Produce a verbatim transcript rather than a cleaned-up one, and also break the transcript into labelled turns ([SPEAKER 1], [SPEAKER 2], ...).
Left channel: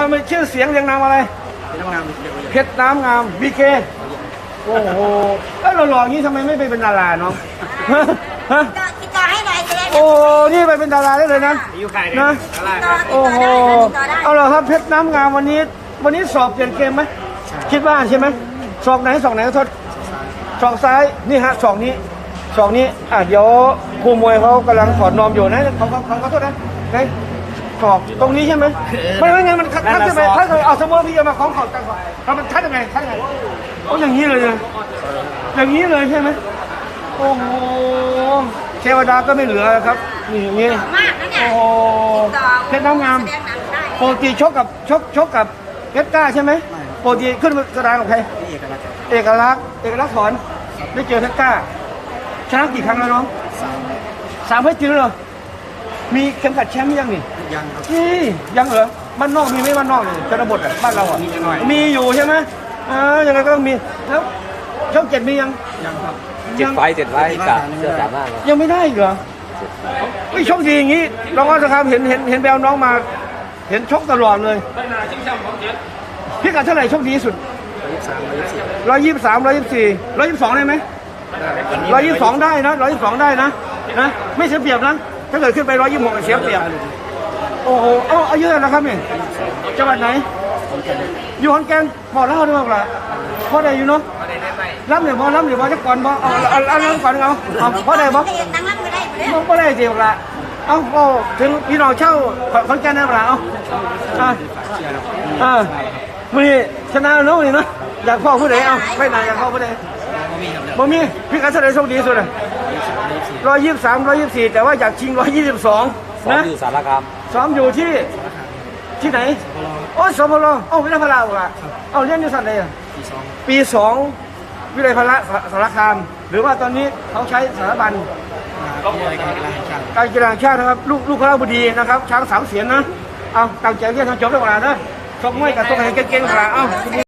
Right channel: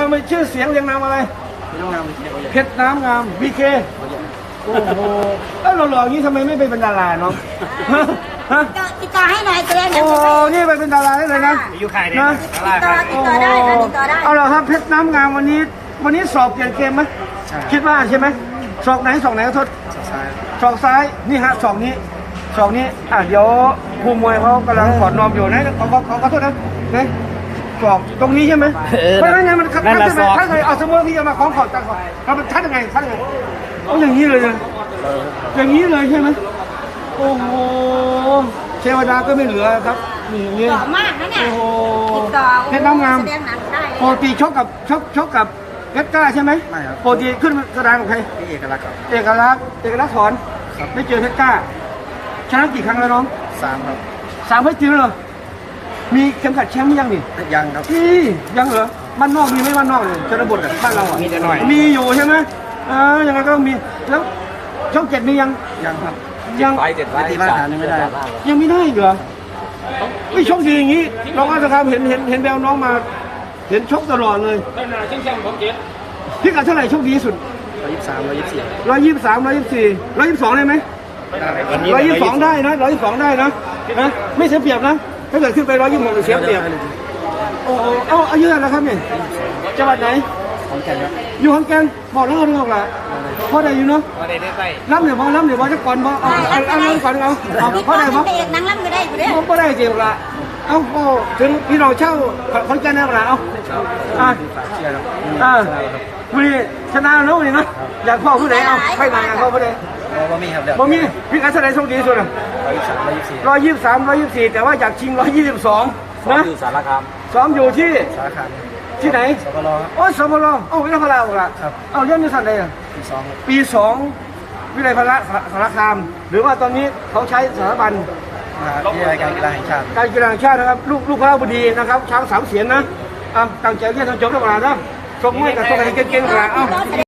[SPEAKER 1] ไปชื่อเสียงเรียงนามอะไร
[SPEAKER 2] เพชรน้ำงามวีเคเขาใหญ่
[SPEAKER 1] เพชรน้ำงามวีเค
[SPEAKER 2] เขาใหญ่
[SPEAKER 1] โอ้โหแล้วหล่อๆอย่างนี้ทำไมไม่ไปเป็นดาราเนาะ
[SPEAKER 3] ติดต่อให้นายแสดง
[SPEAKER 1] โอ้นี่ไปเป็นดาราได้เลยนะ
[SPEAKER 2] มีอยู่ใครเนี่ย
[SPEAKER 1] โอ้โหเอาล่ะครับเพชรน้ำงามวันนี้ วันนี้สอบเปลี่ยนเกมไหมคิดว่าใช่ไหมศอกไหนศอกไหนทดศอกซ้ายนี่ฮะศอกนี้ศอกนี้อ่ะเดี๋ยวครูมวยเขากำลังถอดนอมอยู่นะเขาเขาเขาขอโทษนะไงศอกตรงนี้ใช่ไหมไม่ไม่ไม่มันคัดใช่ไหมคัดไงเอาสมมติที่จะมาคล้องขอดกันแล้วมันคัดยังไงคัดยังไงเอาอย่างนี้เลยอย่างนี้เลยใช่ไหมโอ้โหเทวดาก็ไม่เหลือครับนี่อย่างนี้โอ้โหเพชรน้ำงามโปรตีชกกับชกชกกับเพชรกล้าใช่ไหม
[SPEAKER 2] ไม่ครับ
[SPEAKER 1] โปรตีขึ้นแสดงกับใคร
[SPEAKER 2] พี่เอกลักษณ์ครับ
[SPEAKER 1] เอกลักษณ์เอกลักษณ์ถอนไม่เจอเพชรกล้าชนะกี่ครั้งแล้วน้อง
[SPEAKER 2] สามครับ
[SPEAKER 1] สามเพื่อจริงเหรอมีเข็มขัดแชมป์ยังนี่
[SPEAKER 2] ยังครับ
[SPEAKER 1] นี่ยังเหรอบ้านนอกมีไหมบ้านนอกเนี่ยชนบทอ่ะบ้านเราอ่ะมีอยู่ใช่ไหมเออยังไงก็มีแล้วช่องเจ็ดมียัง
[SPEAKER 2] ยังครับ
[SPEAKER 1] ยัง
[SPEAKER 2] ไปเจ็ดไปมาตรฐานยังไม่ได้
[SPEAKER 1] ยังไม่ได้เหรอไม่ชกดีอย่างนี้เราก็นะครับเห็นเห็นเห็นแววน้องมาเห็นชกตลอดเลยพี่กัดเท่าไหร่ชกดีสุด
[SPEAKER 2] ร้อยยี่สิบสามร้อยยี่สิบสี่
[SPEAKER 1] ร้อยยี่สิบสามร้อยยี่สิบสี่ร้อยยี่สิบสองได้ไหม
[SPEAKER 2] ได้
[SPEAKER 1] ร้อยยี่สิบสองได้นะร้อยยี่สิบสองได้นะนะไม่เสียเปรียบนะถ้าเกิดขึ้นไปร้อยยี่สิบหกเสียเปรียบโอ้โหเอาเอาเยอะนะครับเนี่ยจังหวัดไหน
[SPEAKER 2] ของแก่นครับ
[SPEAKER 1] อยู่ขอนแก่นพอเล่าด้วยป่ะพอได้อยู่เนาะรับเนี่ยพอรับเนี่ยพอจะก่อนพอเอาเอาเอาเอาก่อนเอาพอได้บ่บ่พอได้เสียละเอาก็ถึงพี่น้องเช่าขอนแก่นนี่ป่ะเอาเอาเออมือชนะน้องนี่เนาะอยากพ่อผู้ใดเอาไม่นานอยากเข้าผู้ใด
[SPEAKER 2] บ่มีครับเดี๋ยว
[SPEAKER 1] บ่มีพี่กัดเท่าไหร่โชคดีสุดอ่ะ
[SPEAKER 2] ร้อยยี่สิบสามร้อยยี่สิบสี่
[SPEAKER 1] ร้อยยี่สิบสามร้อยยี่สิบสี่แต่ว่าอยากชิงร้อยยี่สิบสองนะ
[SPEAKER 2] อยู่สารคาม
[SPEAKER 1] ซ้อมอยู่ที่
[SPEAKER 2] สารคามครับ
[SPEAKER 1] ที่ไหน
[SPEAKER 2] สพล
[SPEAKER 1] โอ้สพลโอ้วิทยาพลาเหรอ
[SPEAKER 2] ครับ
[SPEAKER 1] เอาเรียนอยู่สันใดอ่ะ
[SPEAKER 2] ปีสองครับ
[SPEAKER 1] ปีสองวิทยาพลาสารคามหรือว่าตอนนี้เขาใช้สถาบัน
[SPEAKER 2] มหาวิทยาลัยการกีฬาแห่งชาติ
[SPEAKER 1] การกีฬาแห่งชาตินะครับลูกลูกค้าบดีนะครับช้างสามเสียนนะเอาตั้งใจเรียนทางจบนักกีฬาได้ชกมวยกับชกอะไรเก่งๆนักกีฬาเอา